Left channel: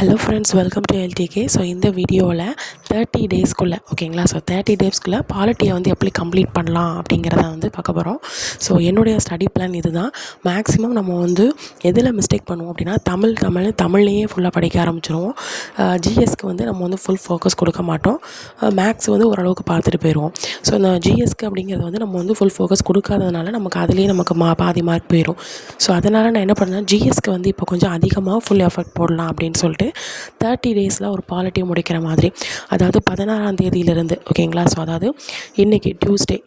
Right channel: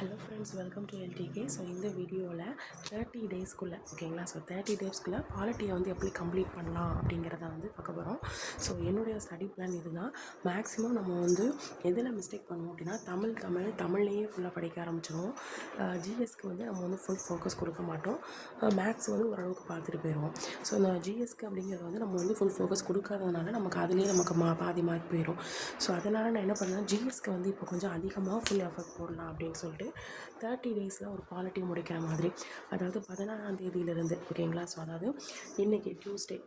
Hello friends, welcome to LDK. So இந்த வீடியோவில் 30 டேஸ்க்குள்ளே ஓகேங்களா, ஸோ 30 டேஸ்க்குள்ளே பாலிட்டியை வந்து எப்படி கம்ப்ளீட் பண்ணலாம் அப்படிங்கிறத வந்து பார்க்க போகிறோம். ஸோ என்னுடைய ஸ்டடி பிளான் இது தான். மேக்ஸிமம் நம்ம வந்து எதில் மிஸ்டேக் பண்ணுவோம் அப்படின்னா தமிழ்லேயே ஃபுல்லாக படிக்க ஆரம்பிச்சிருவோம். ஜிஎஸ்க்கு வந்து நம்ம வந்து ஃபுல் ஃபோக்கஸ் கொடுக்க மாட்டோம். மேக்ஸ் வந்து ஓரளவுக்கு பார்த்துட்டு போயிடுவோம். ஸோ இந்த ஜிஎஸ்க்கு அப்படிங்கிறது வந்து நம்ம வந்து ஃபுல் ஃபோக்கஸ் கொடுக்காததுனால நமக்கு பாதி மார்க் போயிடும். ஸோ அதனால் நான் என்ன பண்ணேன், ஜிஎஸ்க்கு வந்து இப்போ கொஞ்சம் அதிகமாக ஃபுல் எஃபர்ட் போடலாம் அப்படின்னு சொல்லிட்டு 30 டேஸில் ஒரு பாலிட்டி முடிக்கிற மாதிரி, அதாவது 16ஆம் தேதியிலிருந்து ஓகேங்களா. ஸோ அதாவது இன்றைக்கி டியூஸ்டே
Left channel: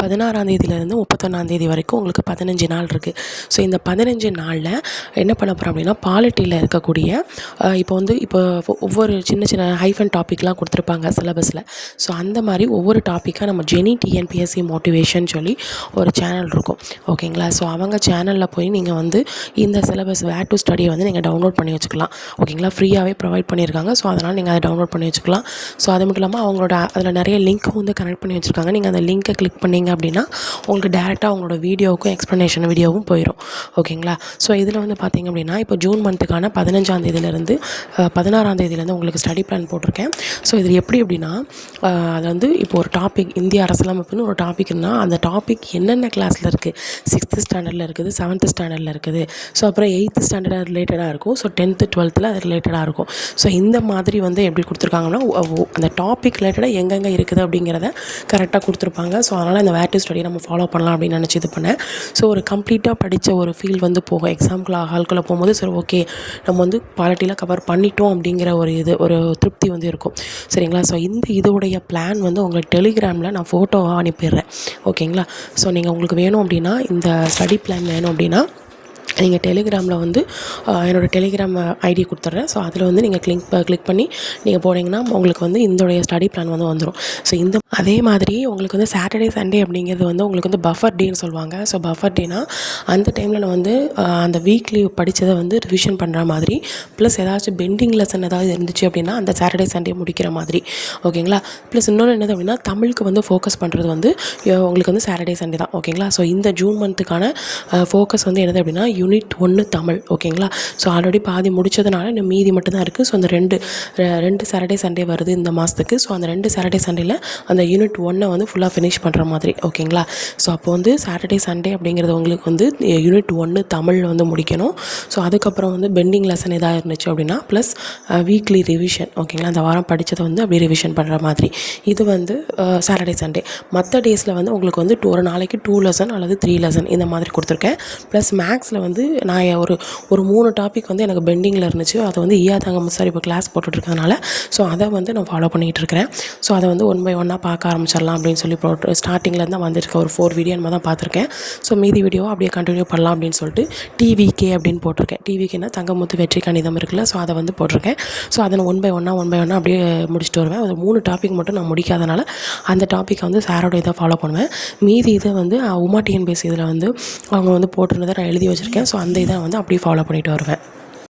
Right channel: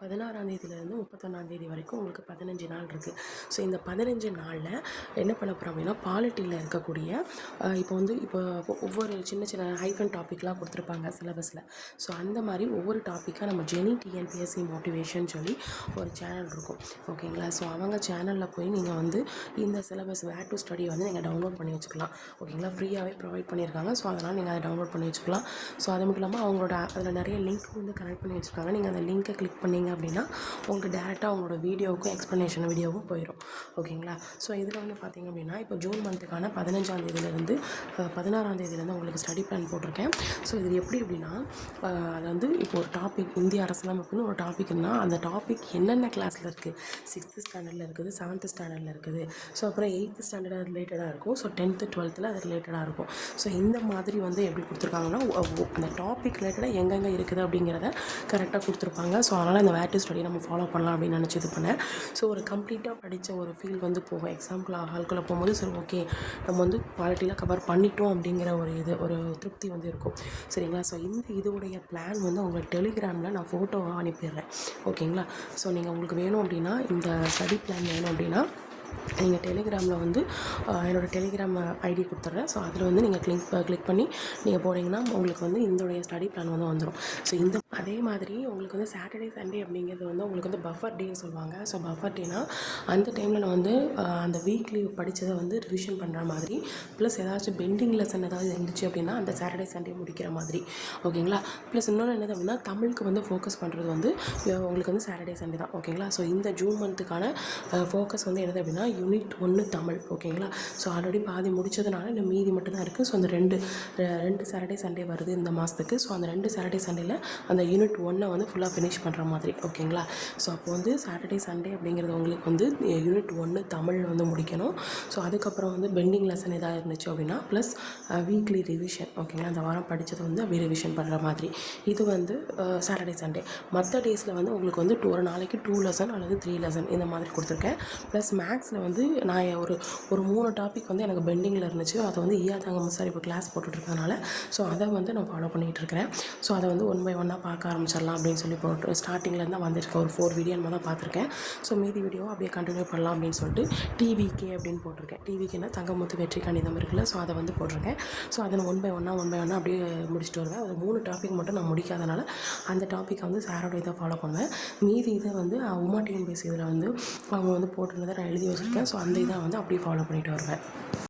16ஆம் தேதியிலேருந்து 31ஆம் தேதி வரைக்கும் உங்களுக்கு 15 நாள் இருக்குது. ஸோ இந்த 15 நாளில் என்ன பண்ண போகிறோம் அப்படின்னா, பாலிட்டியில் இருக்கக்கூடிய இப்போ ஒவ்வொரு சின்ன சின்ன ஹைஃபன் டாப்பிக்லாம் கொடுத்துருப்பாங்க சிலபஸில். ஸோ அந்த மாதிரி ஒவ்வொரு டாப்பிக்காக நம்ம ஜெனி டிஎன்பிஎஸ்சி மோட்டிவேஷன் சொல்லி ஒரு சேனல் இருக்கும் ஓகேங்களா. ஸோ அவங்க சேனலில் போய் நீங்கள் வந்து இந்த சிலபஸ் வேர் டு ஸ்டடியை வந்து நீங்கள் டவுன்லோட் பண்ணி வச்சுக்கலாம் ஓகேங்களா. ஃப்ரீயாகவே ப்ரொவைட் பண்ணியிருக்காங்க. ஸோ அதனால் நீங்கள் அதை டவுன்லோட் பண்ணி வச்சுக்கலாம். ஸோ அது மட்டும் இல்லாமல் அவங்களோட அதில் நிறைய லிங்க்கும் வந்து கனெக்ட் பண்ணி வச்சுருக்காங்க. நீங்கள் அந்த லிங்க்கை கிளிக் பண்ணி அப்படின்னா உங்களுக்கு டேரெக்டாக அவங்களோட வீடியோவுக்கும் எக்ஸ்ப்ளனேஷன் வீடியோவும் போயிடும் ஓகேங்களா. ஸோ இதில் வந்து பார்த்திங்க அப்படின்னா, இப்போ ஜூன் மந்த்துக்கான 15ஆம் தேதியிலேருந்து 16ஆம் தேதியிலேருந்து உங்களுக்கு ஸ்டடி பிளான் போட்டிருக்கேன். ஸோ இது எப்படி அப்படின்னா, அது வந்து இப்போ ஒரு டாபிக் இந்திய அரசியலமைப்புன்னு ஒரு டாபிக்னா அந்த டாபிக் என்னென்ன கிளாஸில் இருக்குது, 6th ஸ்டாண்டர்டில் இருக்குது, 7th ஸ்டாண்டர்டில் இருக்குது, ஸோ அப்புறம் 8th ஸ்டாண்டர்ட் ரிலேட்டடாக இருக்கும், ஸோ 10th 12th அது ரிலேட்டடாக இருக்கும். ஸோ இந்த மாதிரி வந்து எப்படி கொடுத்துருக்காங்கன்னா, அந்த டாபிக் ரிலேட்டடாக எங்கெங்கே இருக்குது அப்படிங்கிறத கரெக்டாக கொடுத்துருப்பாங்க. ஸோ அதனால் இந்த வேர் டு ஸ்டடி நம்ம ஃபாலோ பண்ணலாம் அப்படின்னு நினச்சி இது பண்ணேன். ஸோ ஒரு கம்ப்ளீட்டாக படித்த ஒரு ஃபீல் வந்து போகும். எக்ஸாம்குள்ள ஹால்குள்ளே போகும்போது சரி ஓகே நம்ம வந்து பாலிட்டியில் கவர் பண்ணிட்டோம் அப்படிங்கிற ஒரு திருப்தி வந்து இருக்கும் சரிங்களா. ஸோ இதோடைய பிளான் வந்து உங்களுக்கு டெலிகிராமில் நான் ஃபோட்டோவாக அனுப்பிடுறேன் ஓகேங்களா. ஸோ நீங்கள் உங்களுக்கு வேணும் அப்படின்னா, இந்த ஸ்டடி பிளான் வேணும் அப்படின்னா நீங்கள் டெலிகிராமில் வந்து என்னோடய டெலிகிராம் ஐடி கொடுத்துட்றேன். ஸோ அதில் வந்து நீங்கள் கிளிக் பண்ணி நீங்கள் போனீங்கன்னா உங்களுக்கு வந்து இதோடைய ஸ்டடி பிளான் வந்து வந்துடும். ஸோ அதே மாதிரி உங்களுக்கு வந்து சாட்டர்டே சண்டே அப்படிங்கிறது வந்து உங்களுக்கு வந்து பஃபர் டேன்னு சொல்லுவாங்க. ஸோ பஃபர் டேனா அந்த டைமில் நான் வந்து அந்த வீக்லி படித்ததை வந்து ரிவிஷன் பண்ணுற மாதிரி, ப்ளஸ் ஏதாச்சும் பெண்டிங் லெசன் ஏதாவது இருந்துச்சு அப்படின்னா அந்த சாட்டர்டே சண்டே முடிக்கிற மாதிரி ஓகேங்களா. ப்ளஸ் இன்னொன்று என்னது அப்படின்னா, தமிழுக்கு வந்து ஃபோக்கஸ் பண்ணுறது வந்து உங்களுக்கு வந்து சாட்டர்டே சண்டே தான் ஓகேங்களா. ஸோ இந்த ஜூன் மந்த்துக்கான ஃபோக்கஸ் வந்து என்னது அப்படின்னா, யூனிட் 1 தமிழ் ஓகேங்களா. ஸோ ஆல்ரெடி பாதி முடித்ததுனால இன்னும் மீதி மட்டும்தான் இருக்குது. ஸோ அந்த ரெண்டு சாட்டர்டே சண்டே வருது இந்த மாதத்துக்கு. ஸோ அந்த 2 சாட்டர்டே சண்டேயில் அந்த யூனிட் 1 வந்து ஃபுல்லாக ஃபினிஷ் பண்ணுற மாதிரி ஓகேங்களா. ஸோ அப்போ வந்து சாட்டர்டே சண்டே அப்படிங்கிறது உங்களுக்கு வந்து யூனிட் 1 தமிழ் வந்து முடிக்கணும். ஸோ அதுக்கப்புறம் வந்து பெண்டிங் லெசன் எதாவது இருந்துச்சு அப்படின்னா ப்ளஸ் வீக்லி ரிவிஷன் ஓகேங்களா. அந்த வாரம் படித்ததை வந்து அப்படியே ரிவிஷன் பண்ணுற மாதிரி. இது வந்து சாட்டர்டே சண்டே. மற்ற டேஸில் வந்து உங்களுக்கு வந்து ஒரு நாளைக்கு 2 லெசன் அல்லது 3 லெசன் இந்த மாதிரி கொடுத்துருக்கேன். ப்ளஸ் மேக்ஸில் வந்து நான் ஒரு 3 டாபிக் வந்து எனக்கு பெண்டிங்கில் இருந்துச்சு. அதை வந்து ஈயாதாங்க சார் இப்போ கிளாஸ் போட்டுட்ருக்கனால ஸோ அதை வந்து நான் ஃபாலோ பண்ணிகிட்டு இருக்கிறேன். ஸோ அதை வந்து 1 by 1 பார்க்க ஆரம்பிச்சிடலாம் அப்படின்னு சொல்லி ஸ்டார்டிங்கில் தான் வந்துருக்க ஒரு 4 வீடியோ நம்ம தான் பார்த்துருக்கேன். ஸோ மீதி வீடியோவை அப்படியே கண்டினியூ பண்ணலாம் அப்படின்னு சொல்லிட்டு டிவிகே அப்படின்னு போட்டிருக்கேன். டிவிகேனா தங்கமுத்து வெற்றி கணிதம் இருக்குல்ல, ஸோ அதை வந்து போட்டிருக்கேன். ஸோ அதை நான் 1 by 1 அப்படியே முடிச்சுட்டு வருவேன். ஒரு 3 டாபிக் மட்டும் நான் முடிக்காதனால அந்த டாப்பிக்கை வந்து சாரோட இதை ஃபாலோ பண்ணுவேன். மீதி இதை வந்து உமா டிஎன்பிஎஸ்சி இதில் வந்து அவங்க வந்து போட்டிருந்ததை நான் எழுதி வச்சுருக்கேன். ஸோ அந்த இதை வந்து அப்படியே ஃபாலோ பண்ணிட்டு வருவேன்.